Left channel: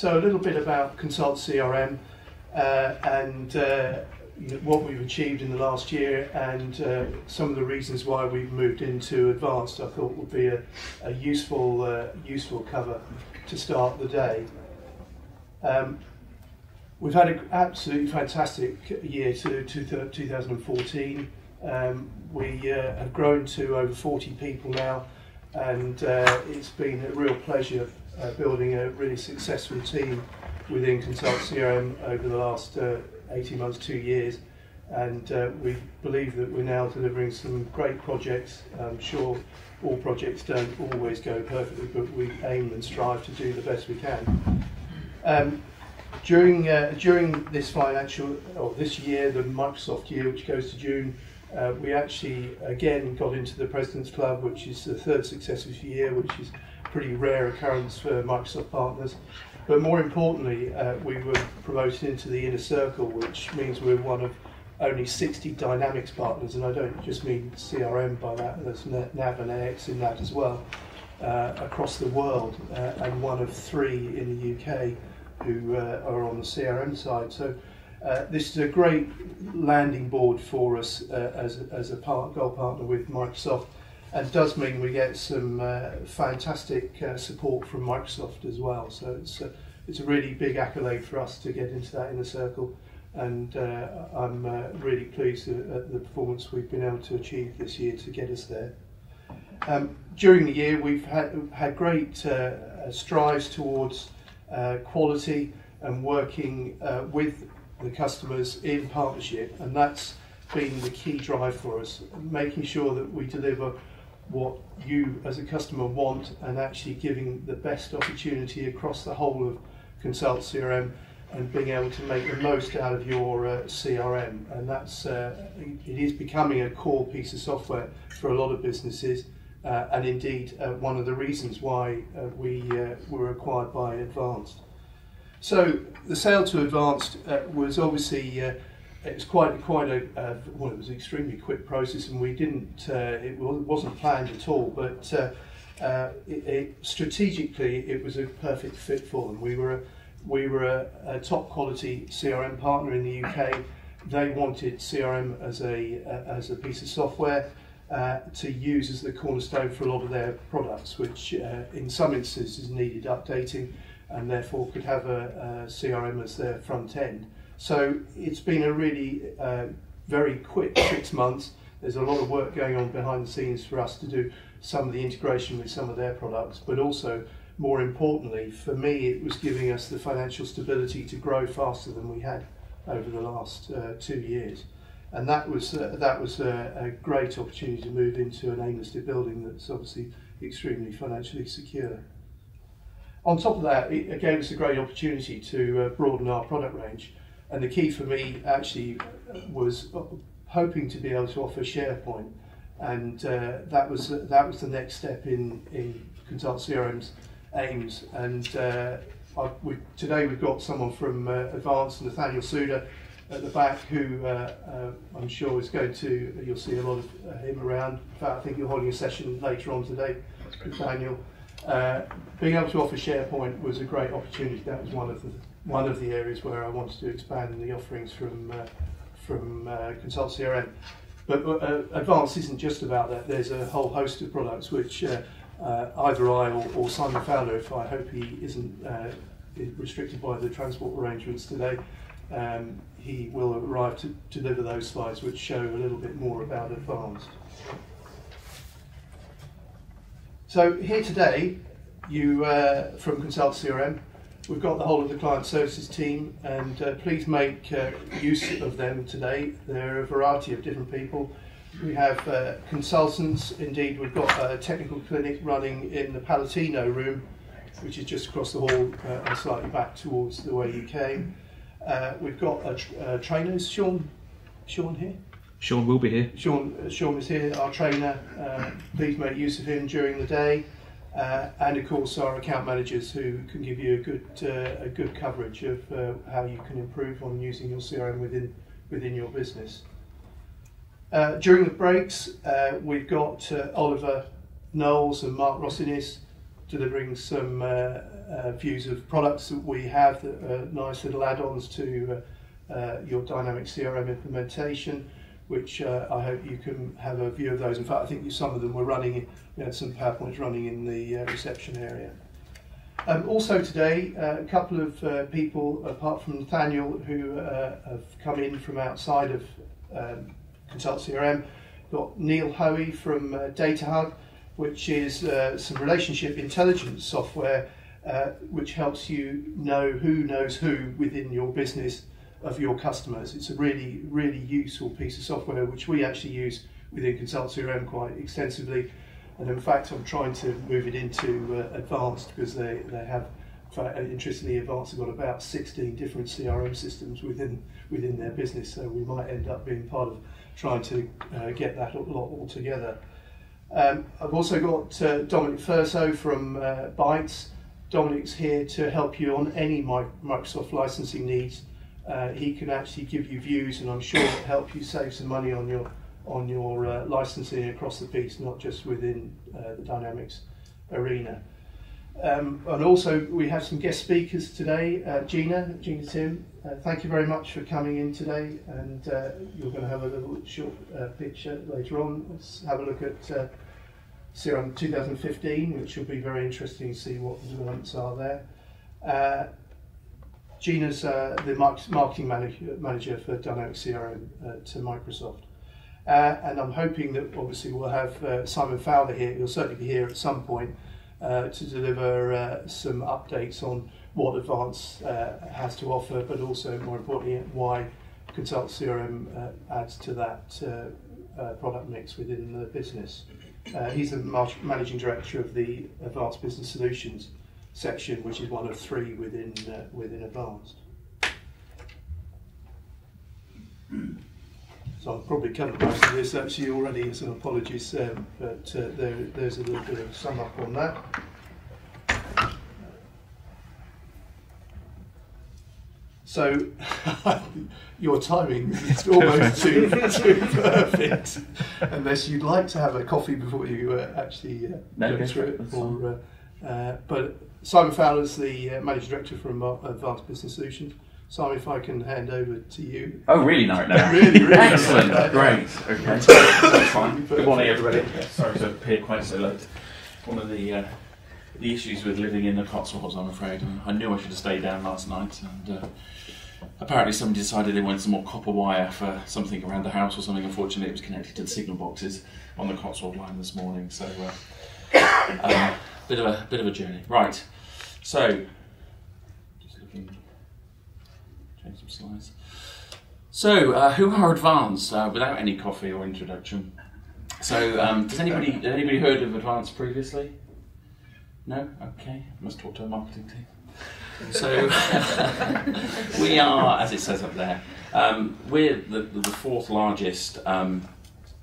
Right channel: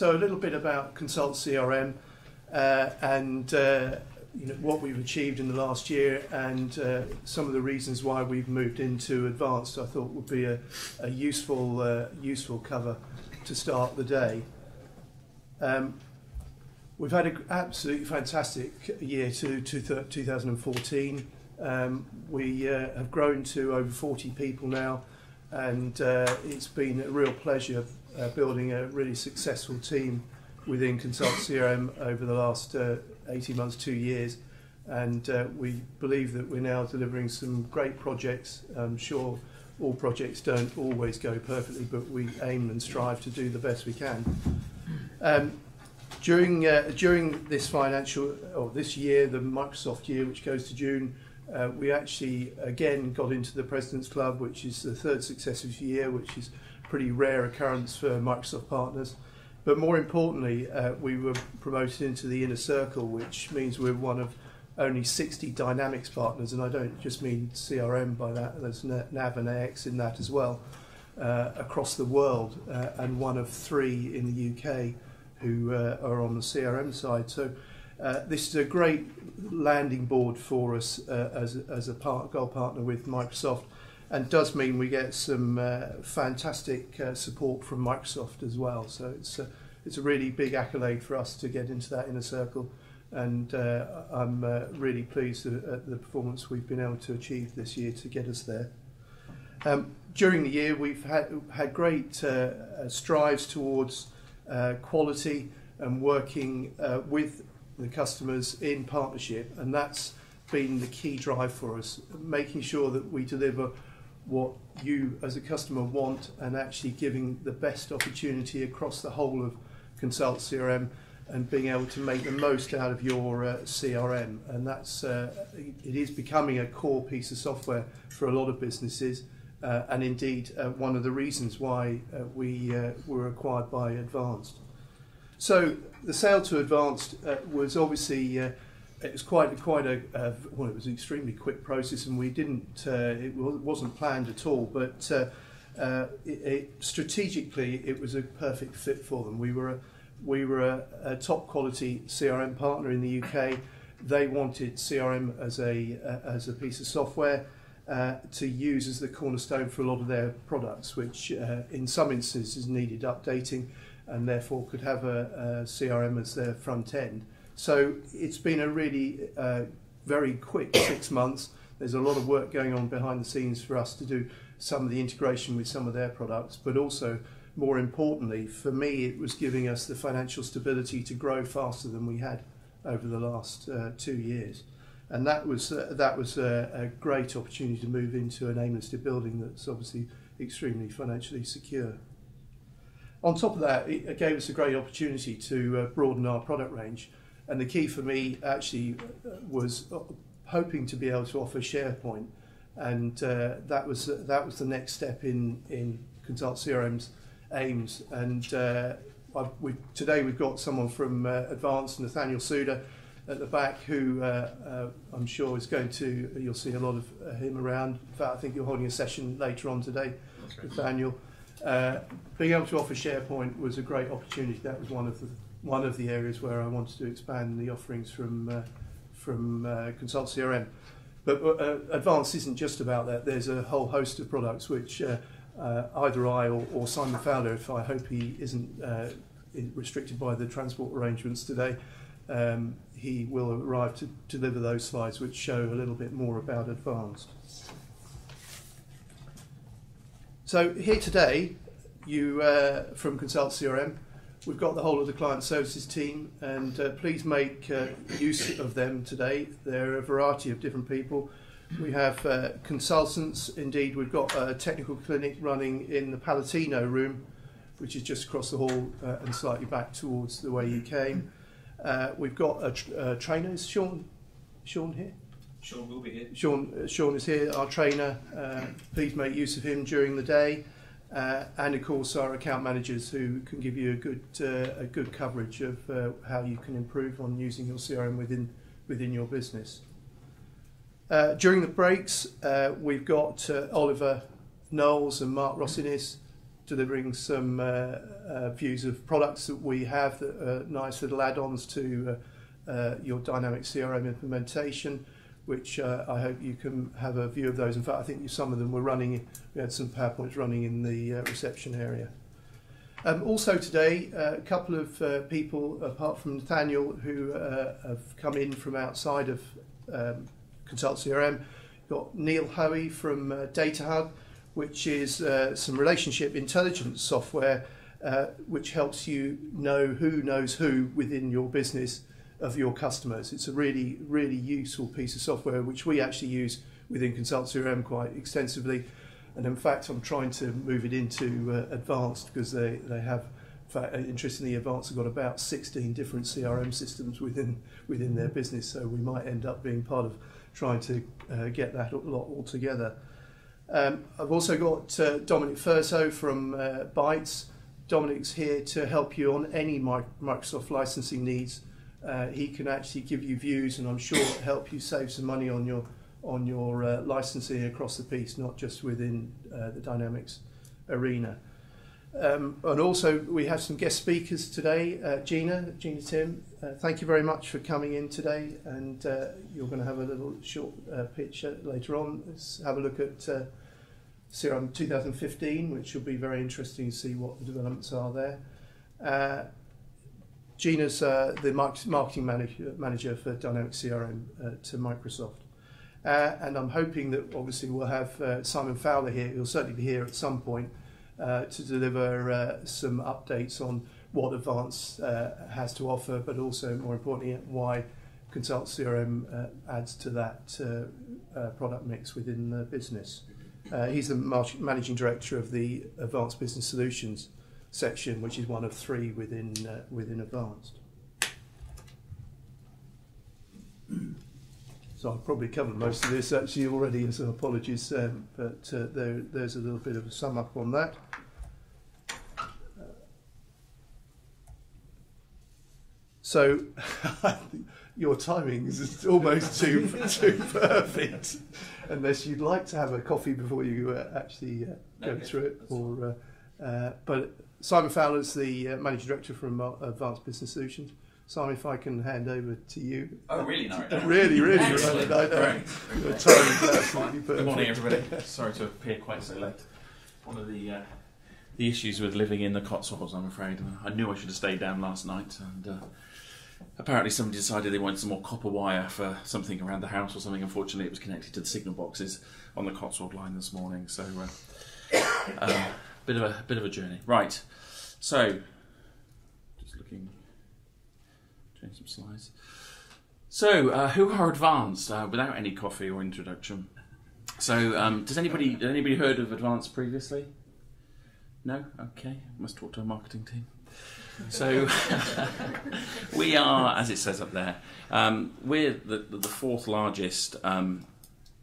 So a little bit about ConsultCRM and what we've achieved in the last year, and some of the reasons why we've moved into advanced. I thought would be a useful cover to start the day. We've had an absolutely fantastic year to 2014. We have grown to over 40 people now, and it's been a real pleasure building a really successful team within ConsultCRM over the last 18 months, 2 years, and we believe that we're now delivering some great projects. I'm sure all projects don't always go perfectly, but we aim and strive to do the best we can. During this this year, the Microsoft year, which goes to June, we actually again got into the President's Club, which is the third successive year, which is a pretty rare occurrence for Microsoft partners. But more importantly, we were promoted into the inner circle, which means we're one of only 60 Dynamics partners, and I don't just mean CRM by that, there's NAV and AX in that as well, across the world, and one of 3 in the UK who are on the CRM side. So this is a great landing board for us as a gold partner with Microsoft, and does mean we get some fantastic support from Microsoft as well. So it's a really big accolade for us to get into that inner circle, and I'm really pleased at the performance we've been able to achieve this year to get us there. During the year, we've had great strives towards quality and working with the customers in partnership, and that's been the key drive for us, making sure that we deliver what you as a customer want, and actually giving the best opportunity across the whole of ConsultCRM, and being able to make the most out of your CRM. And that's it is becoming a core piece of software for a lot of businesses, and indeed one of the reasons why we were acquired by Advanced. So the sale to Advanced was obviously it was quite a well, it was an extremely quick process, and we didn't it wasn't planned at all, but strategically it was a perfect fit for them. We were a top quality CRM partner in the UK. They wanted CRM as a piece of software to use as the cornerstone for a lot of their products, which in some instances needed updating, and therefore could have a CRM as their front end. So it's been a really very quick 6 months. There's a lot of work going on behind the scenes for us to do some of the integration with some of their products, but also, more importantly, for me, it was giving us the financial stability to grow faster than we had over the last 2 years. And that was a great opportunity to move into an AIM-listed building that's obviously extremely financially secure. On top of that, it gave us a great opportunity to broaden our product range. And the key for me actually was hoping to be able to offer SharePoint, and that was the next step in ConsultCRM's aims. And today we've got someone from Advanced, Nathaniel Suda, at the back, who I'm sure is going to, you'll see a lot of him around. In fact, I think you're holding a session later on today, Nathaniel. Being able to offer SharePoint was a great opportunity. That was one of the areas where I wanted to expand the offerings from ConsultCRM. But Advanced isn't just about that. There's a whole host of products which either I or Simon Fowler, if I hope he isn't restricted by the transport arrangements today, he will arrive to deliver those slides which show a little bit more about Advanced. So here today, you from ConsultCRM, we've got the whole of the client services team, and please make use of them today. They're a variety of different people. We have consultants. Indeed, we've got a technical clinic running in the Palatino room, which is just across the hall and slightly back towards the way you came. We've got trainers. Sean here? Sean will be here. Sean is here, our trainer. Please make use of him during the day. And of course our account managers, who can give you a good coverage of how you can improve on using your CRM within your business. During the breaks, we've got Oliver Knowles and Mark Rossinis delivering some views of products that we have that are nice little add-ons to your dynamic CRM implementation, which I hope you can have a view of those. In fact, I think some of them were running, we had some PowerPoints running in the reception area. Also today, a couple of people, apart from Nathaniel, who have come in from outside of ConsultCRM. Got Neil Hoey from Data Hub, which is some relationship intelligence software which helps you know who knows who within your business of your customers. It's a really, really useful piece of software which we actually use within ConsultCRM quite extensively. And in fact, I'm trying to move it into Advanced, because they have, in fact, interestingly, Advanced have got about 16 different CRM systems within their business. So we might end up being part of trying to get that lot all together. I've also got Dominic Furso from Bytes. Dominic's here to help you on any Microsoft licensing needs. He can actually give you views, and I'm sure it'll help you save some money on your licensing across the piece, not just within the Dynamics arena. And also we have some guest speakers today. Gina Tim, thank you very much for coming in today, and you're going to have a little short pitch later on. Let's have a look at CRM 2015, which will be very interesting to see what the developments are there. Gina's the marketing manager for Dynamics CRM to Microsoft. And I'm hoping that obviously we'll have Simon Fowler here. He'll certainly be here at some point to deliver some updates on what Advanced has to offer, but also more importantly why ConsultCRM adds to that product mix within the business. He's the managing director of the Advanced Business Solutions section, which is one of 3 within Advanced. So I've probably covered most of this actually already, so apologies, but there's a little bit of a sum up on that. So your timing is almost too perfect, unless you'd like to have a coffee before you actually go through it. But Simon Fowler's the Managing Director from Advanced Business Solutions. Simon, if I can hand over to you. Oh, really narrow it down. Really, excellent, great. Okay, that's fine. Good morning, everybody. Yeah, sorry to appear quite so late. One of the issues with living in the Cotswolds, I'm afraid. I knew I should have stayed down last night, and apparently somebody decided they wanted some more copper wire for something around the house or something. Unfortunately, it was connected to the signal boxes on the Cotswold line this morning, so bit of a journey. Right, so. Change some slides. So, who are Advanced? Without any coffee or introduction. So, has anybody heard of Advanced previously? No? Okay, must talk to the marketing team. So, we are, as it says up there, we're the 4th largest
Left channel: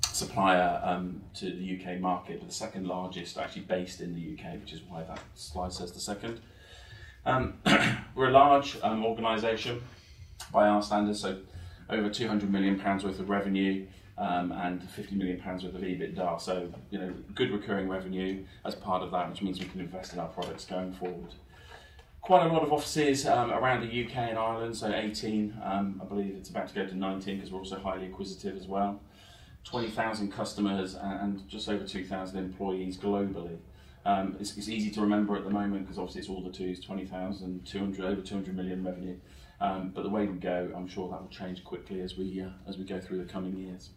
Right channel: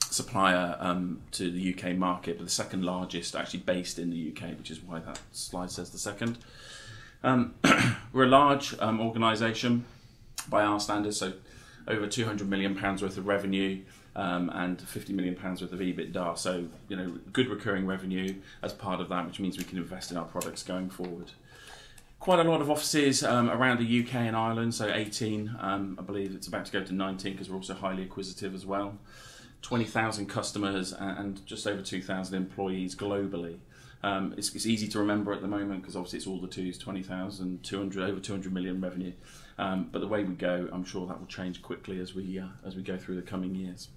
supplier to the UK market, but the 2nd largest actually based in the UK, which is why that slide says the 2nd. We're a large organisation by our standards, so over £200 million worth of revenue and £50 million worth of EBITDA. So, good recurring revenue as part of that, which means we can invest in our products going forward. Quite a lot of offices around the UK and Ireland, so 18, I believe it's about to go to 19 because we're also highly acquisitive as well. 20,000 customers and just over 2,000 employees globally. It's easy to remember at the moment because obviously it's all the twos, 20,000, over 200 million revenue. But the way we go, I'm sure that will change quickly as we go through the coming years.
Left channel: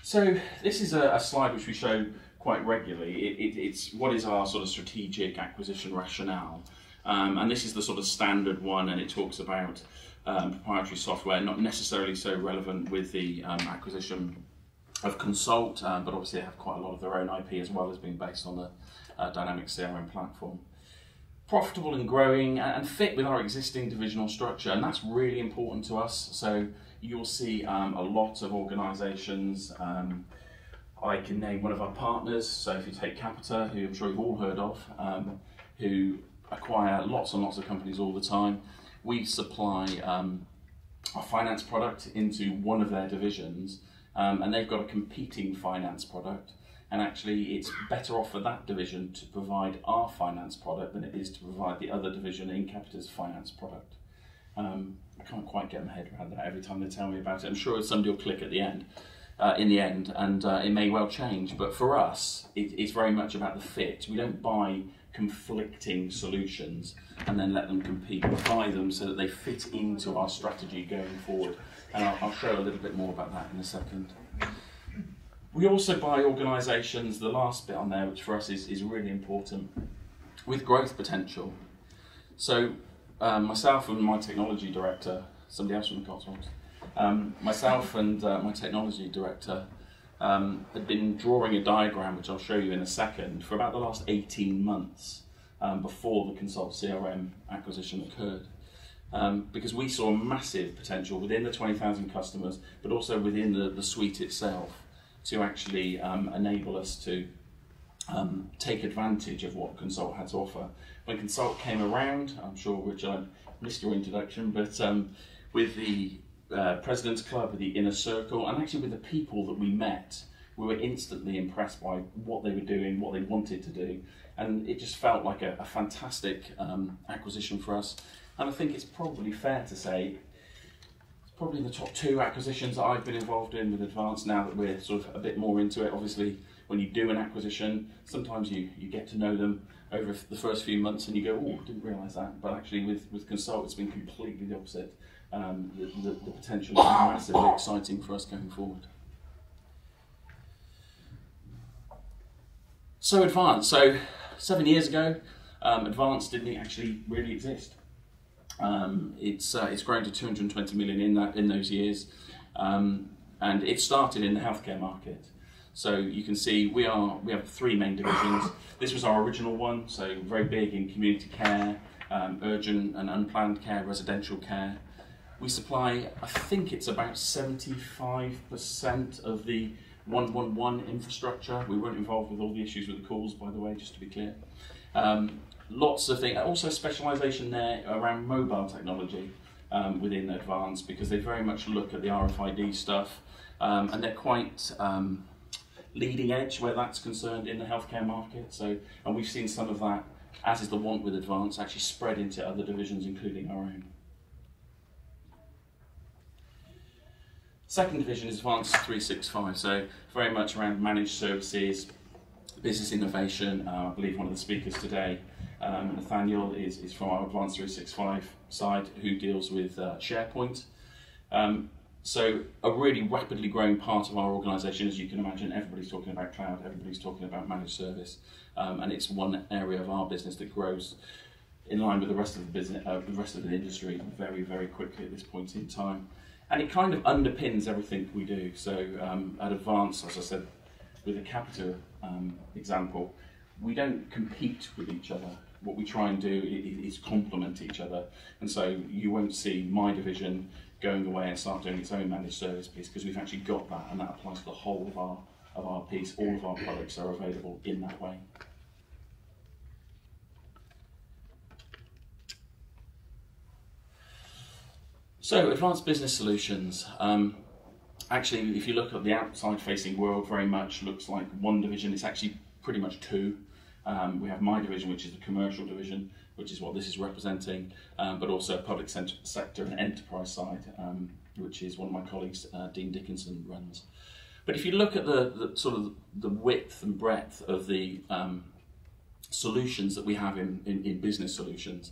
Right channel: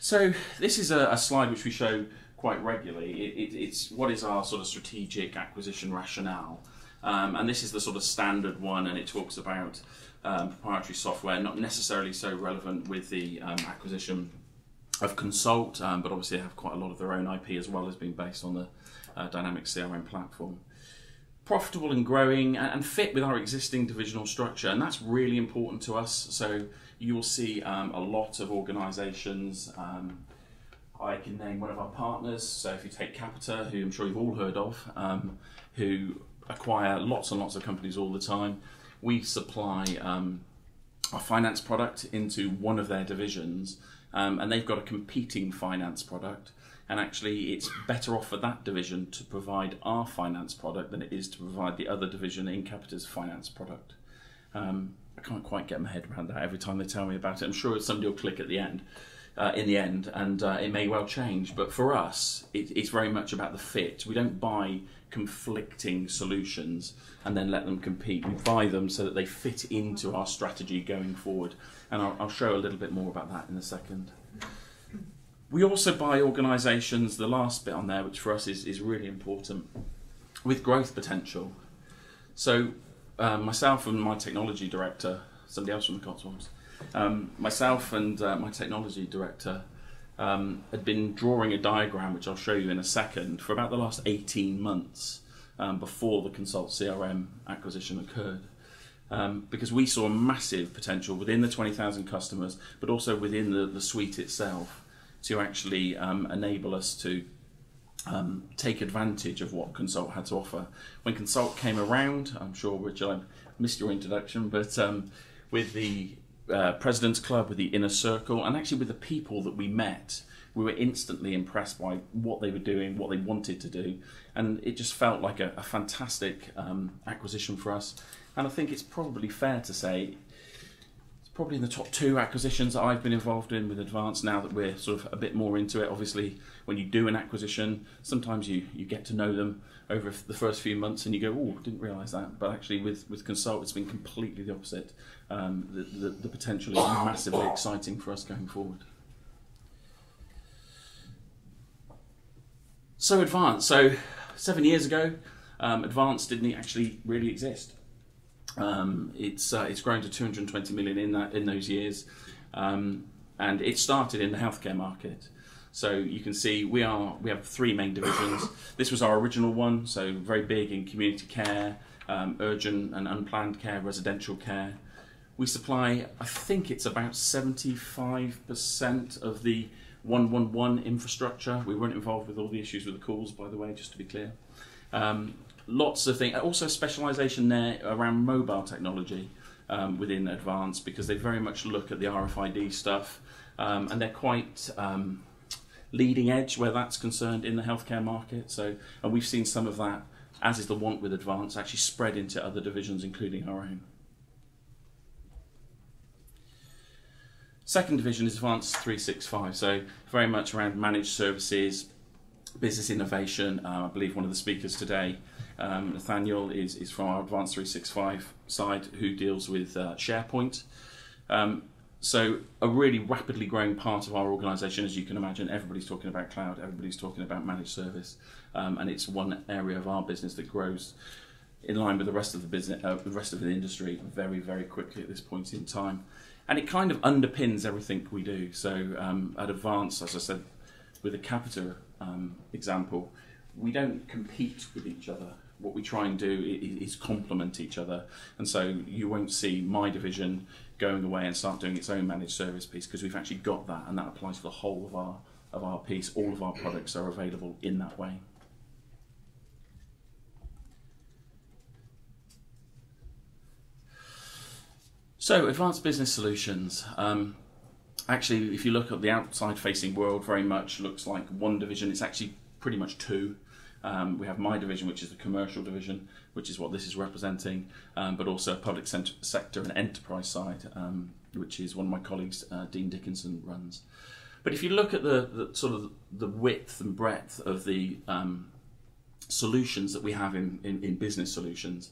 So this is a slide which we show quite regularly. It's what is our sort of strategic acquisition rationale, and this is the sort of standard one, and it talks about proprietary software, not necessarily so relevant with the acquisition of Consult, but obviously they have quite a lot of their own IP as well as being based on the Dynamics CRM platform. Profitable and growing and fit with our existing divisional structure, and that's really important to us. So you'll see a lot of organisations. I can name one of our partners, so if you take Capita, who I'm sure you've all heard of, who acquire lots and lots of companies all the time. We supply our finance product into one of their divisions, and they've got a competing finance product, and actually it's better off for that division to provide our finance product than it is to provide the other division in Capita's finance product. I can't quite get my head around that every time they tell me about it. I'm sure somebody will click at the end, in the end, and it may well change. But for us, it's very much about the fit. We don't buy conflicting solutions and then let them compete. We buy them so that they fit into our strategy going forward. And I'll show a little bit more about that in a second. We also buy organisations, the last bit on there, which for us is really important, with growth potential. So myself and my technology director, somebody else from the Cotswolds, myself and my technology director had been drawing a diagram, which I'll show you in a second, for about the last 18 months before the ConsultCRM acquisition occurred. Because we saw massive potential within the 20,000 customers, but also within the suite itself, to actually enable us to take advantage of what Consult had to offer. When Consult came around, I'm sure, Rich, I missed your introduction, but with the President's Club, with the Inner Circle, and actually with the people that we met, we were instantly impressed by what they were doing, what they wanted to do, and it just felt like a fantastic acquisition for us. And I think it's probably fair to say it's probably in the top 2 acquisitions that I've been involved in with Advance, now that we're sort of a bit more into it. Obviously, when you do an acquisition, sometimes you get to know them over the first few months and you go, oh, I didn't realise that. But actually with Consult, it's been completely the opposite. The potential is massively exciting for us going forward. So Advance, so 7 years ago, Advance didn't actually really exist. It's grown to 220 million in those years, and it started in the healthcare market. So you can see we have 3 main divisions. This was our original one, so very big in community care, urgent and unplanned care, residential care. We supply, I think it's about 75% of the 111 infrastructure. We weren't involved with all the issues with the calls, by the way, just to be clear. Lots of things, also specialisation there around mobile technology within Advance, because they very much look at the RFID stuff, and they're quite leading edge where that's concerned in the healthcare market. So, and we've seen some of that, as is the want with Advance, actually spread into other divisions, including our own. Second division is Advance 365, so very much around managed services, business innovation. I believe one of the speakers today, Nathaniel, is from our Advance 365 side, who deals with SharePoint. So a really rapidly growing part of our organisation, as you can imagine. Everybody's talking about cloud, everybody's talking about managed service, and it's one area of our business that grows in line with the rest of the business, the rest of the industry, very, very quickly at this point in time. And it kind of underpins everything we do. So at Advance, as I said, with the Capita example, we don't compete with each other. What we try and do is complement each other. And so you won't see my division going away and start doing its own managed service piece, because we've actually got that, and that applies to the whole of our piece. All of our products are available in that way. So, Advanced Business Solutions. Actually, if you look at the outside-facing world, very much looks like one division. It's actually pretty much 2. We have my division, which is the commercial division, which is what this is representing, but also a public sector and enterprise side, which is one of my colleagues, Dean Dickinson, runs. But if you look at the sort of the width and breadth of the solutions that we have in business solutions,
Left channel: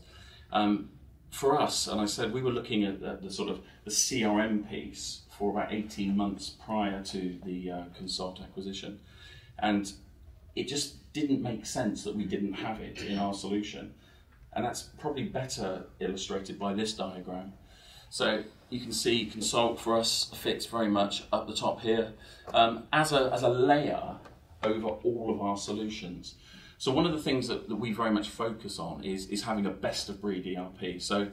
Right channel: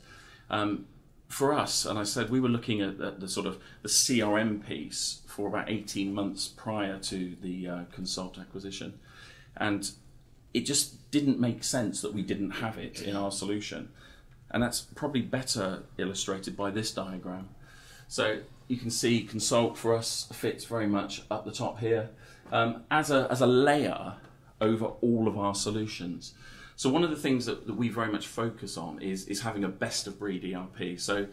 for us, and I said we were looking at the sort of the CRM piece for about 18 months prior to the Consult acquisition, and it just didn't make sense that we didn't have it in our solution. And that's probably better illustrated by this diagram. So you can see Consult for us fits very much up the top here as a layer over all of our solutions. So one of the things that we very much focus on is having a best of breed ERP. So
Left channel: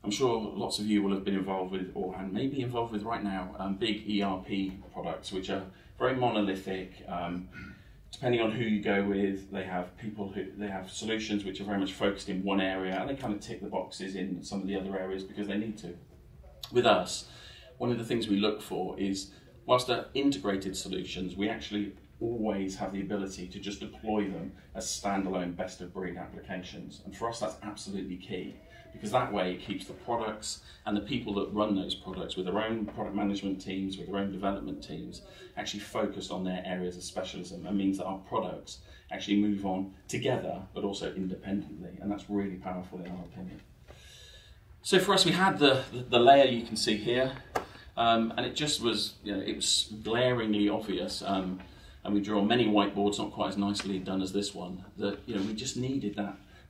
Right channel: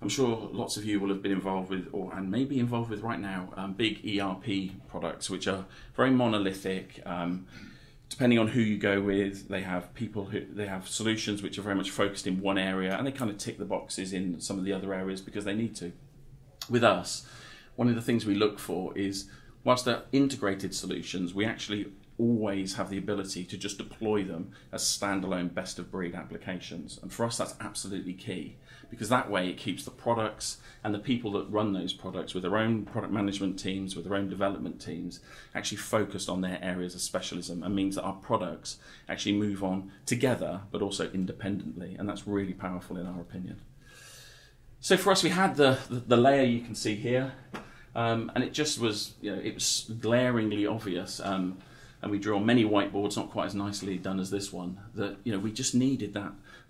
I'm sure lots of you will have been involved with, and maybe involved with right now, big ERP products, which are very monolithic. Depending on who you go with, they have solutions which are very much focused in one area, and they kind of tick the boxes in some of the other areas because they need to. With us, one of the things we look for is, whilst they're integrated solutions, we actually always have the ability to just deploy them as standalone best-of-breed applications. And for us, that's absolutely key, because that way it keeps the products and the people that run those products with their own product management teams, with their own development teams, actually focused on their areas of specialism, and means that our products actually move on together, but also independently. And that's really powerful in our opinion. So for us, we had the layer you can see here, and it just was, it was glaringly obvious. And we drew on many whiteboards, not quite as nicely done as this one, that we just needed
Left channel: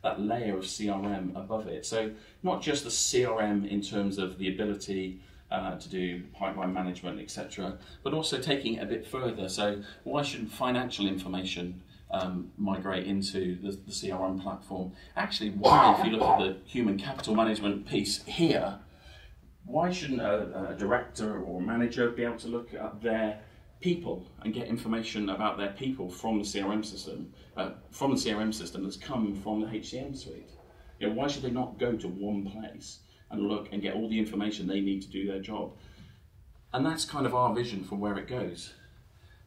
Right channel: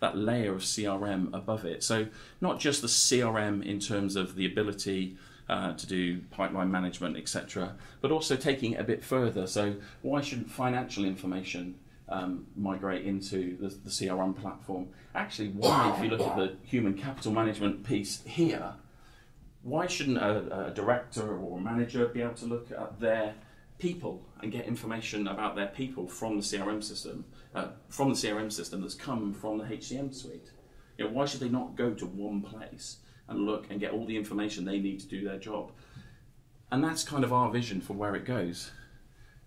that layer of CRM above it. So not just the CRM in terms of the ability to do pipeline management, etc., but also taking it a bit further. So why shouldn't financial information migrate into the CRM platform? Actually, why, if you look at the human capital management piece here, why shouldn't a director or a manager be able to look at their people and get information about their people from the CRM system, that's come from the HCM suite? Why should they not go to one place and look and get all the information they need to do their job? And that's kind of our vision for where it goes.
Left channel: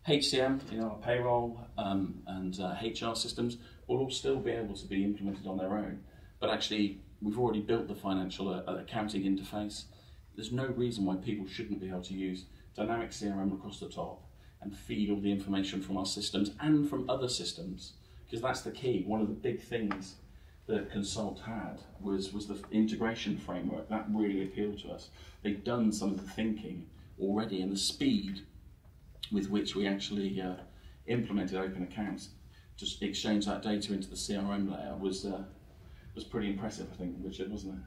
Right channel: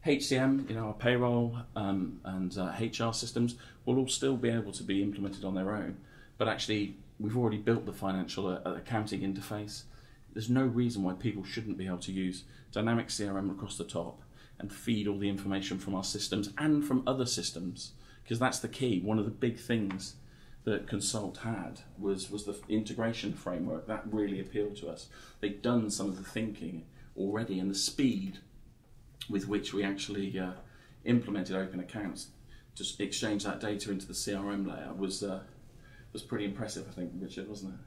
HCM, our payroll and HR systems will all still be able to be implemented on their own, but actually we've already built the financial accounting interface. There's no reason why people shouldn't be able to use dynamic CRM across the top and feed all the information from our systems and from other systems, because that's the key. One of the big things that Consult had was the integration framework. That really appealed to us. They'd done some of the thinking already, and the speed with which we actually implemented open accounts to exchange that data into the CRM layer was pretty impressive, I think, Richard, wasn't it?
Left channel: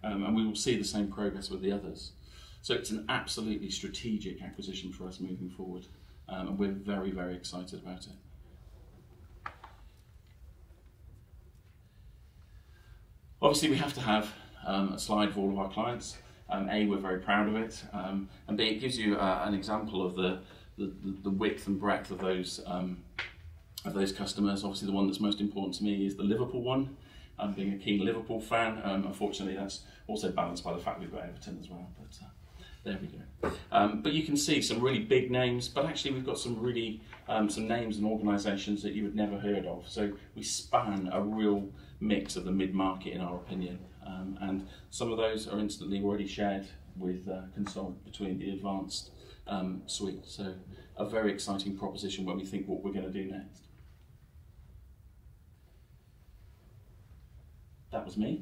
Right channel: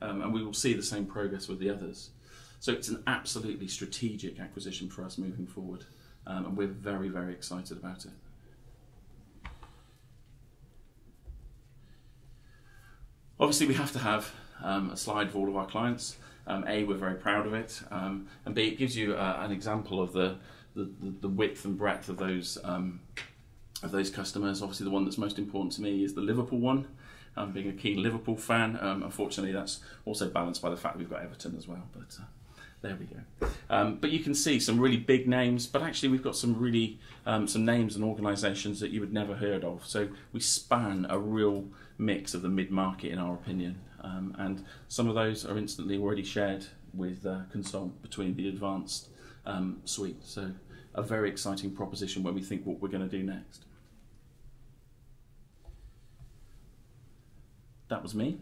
And we will see the same progress with the others. So it's an absolutely strategic acquisition for us moving forward. And we're very, very excited about it. Obviously, we have to have a slide for all of our clients. A, we're very proud of it, and B, it gives you an example of the width and breadth of those customers. Obviously, the one that's most important to me is the Liverpool one. Being a keen Liverpool fan, unfortunately, that's also balanced by the fact we've got Everton as well. But there we go. But you can see some really big names, but actually we've got some really some names and organisations that you would never heard of. So we span a real mix of the mid-market, in our opinion, and some of those are instantly already shared with Consult between the advanced suite. So a very exciting proposition where we think what we're going to do next. That was me.